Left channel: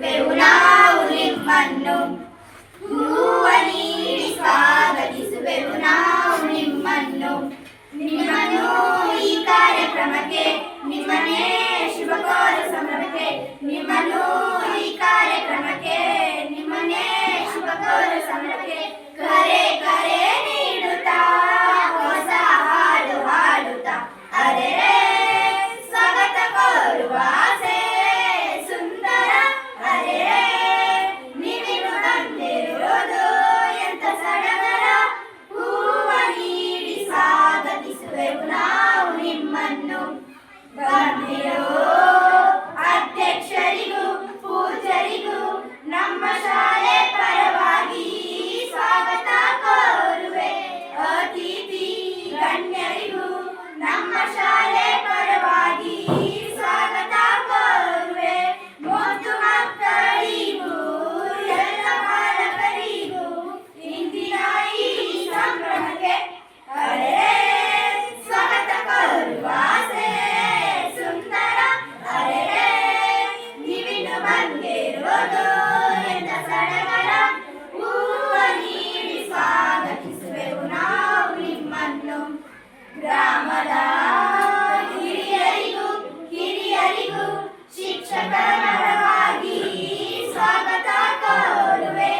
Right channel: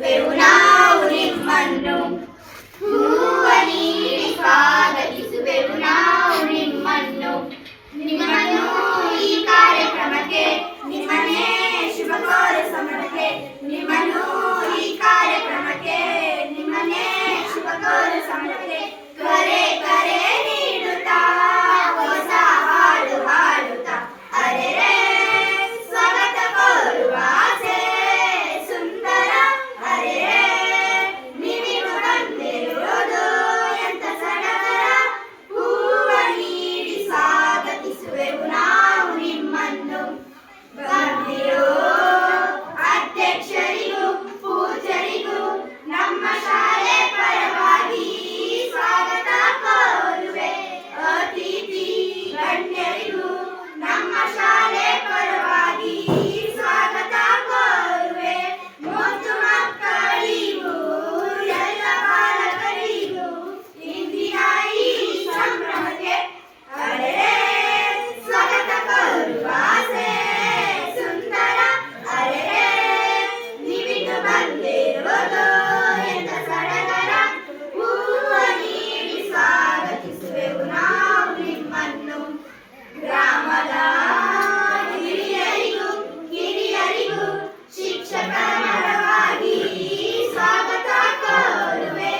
ನಾವು ನಿಮ್ಮನ್ನು ಹೂವ ನೀಡಿ ಸ್ವಾಗತಿಸುವೆವು ನಾವು ನಿಮ್ಮನ್ನು ಈ ಕಾರ್ಯಕ್ರಮಕ್ಕೆ ನಿಮ್ಮನ್ನೇ ಶುಭ ಕೋರ ಸಮರಕ್ಕೆ ನಿಮ್ಮನ್ನು ಈ ಕಾರ್ಯಕ್ರಮಕ್ಕೆ ನಿಮ್ಮನ್ನೇ ಶುಭ ಕೋರ ಸಮರಕ್ಕೆ ಕರೆ ಕರೆ ನೀಡುತ್ತಾ ಹೊಸ ಹಾಡು ಹಾಡುತ್ತಾ ಅರೆರೆ ಸ್ವಾಗತ ಕೋರುವ ಆಸೆ ಸುಂದರ ಅರೆರೆ ನೀವಿನ್ನು ಬಂದಿರುವುದು ಎಂತ ಸಡಗರ ಹೂವ ನೀಡಿ ಸ್ವಾಗತಿಸುವೆವು ನಾವು ನಿಮ್ಮನ್ನು ಬಂದಿರೋ ಅಧ್ಯಕ್ಷರಿಗೂ ಪೂಜ್ಯರಿಗೂ ನಮ್ಮ ಶಾಲೆ ಪರವಾಗಿ ಸ್ವಾಗತ ಕೋರುವೆ ಅತಿಥಿ ಗಣ್ಯರಿಗೂ ನಮ್ಮ ಶಾಲೆ ಪರವಾಗಿ ಸ್ವಾಗತ ಕೋರುವೆ ಮುದ್ದು ಮಕ್ಕಳಿಗೂ ಎಲ್ಲ ಬಾಲಕರಿಗೂ ಇಂದಿನ ಈ ಸಂಭ್ರಮಕ್ಕೆ ಅರೆ ಸ್ವಾಗತ ಕೋರುವ ಆಸೆ ಸುಂದರ ಅರೆ ನೀವಿನ್ನು ಬಂದಿರುವುದು ಎಂತ ಸಡಗರ ಹೂವ ನೀಡಿ ಸ್ವಾಗತಿಸುವೆವು ನಾವು ನಿಮ್ಮನ್ನು ಗ್ರಾಮದ ಹಿರಿಯರಿಗೂ ಶಿಕ್ಷಕರವಾಗಿ ಸ್ವಾಗತ ಕೋರುವೆ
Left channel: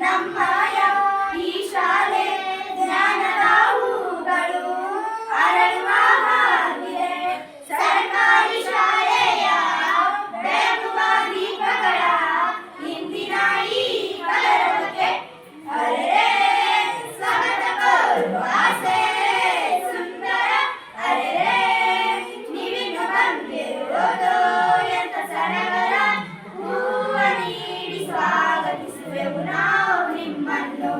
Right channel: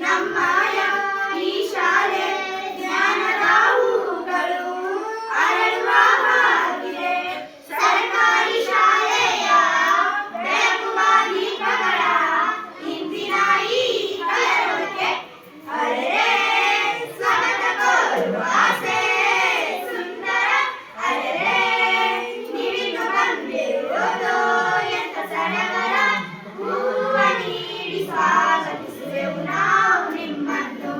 ನಮ್ಮಯ ಈ ಶಾಲೆ ಜ್ಞಾನದ ಹೂಗಳು ಅರಳುವ ಹಾಗಿದೆ ಸರ್ಕಾರಿ ಶಾಲೆಯ ಬೆಳಗುವ ದೀಪಗಳ ಇಂದಿನ ಈ ಕಲರವಕ್ಕೆ ಅರೆ ಸ್ವಾಗತ ಕೋರುವ ಆಸೆ ಸುಂದರ ಅರೆ ನೀವಿನ್ನು ಬಂದಿರುವುದು ಎಂತ ಸಡಗರ ಹೂವ ನೀಡಿ ಸ್ವಾಗತಿಸುವೆವು ನಾವು ನಿಮ್ಮನ್ನು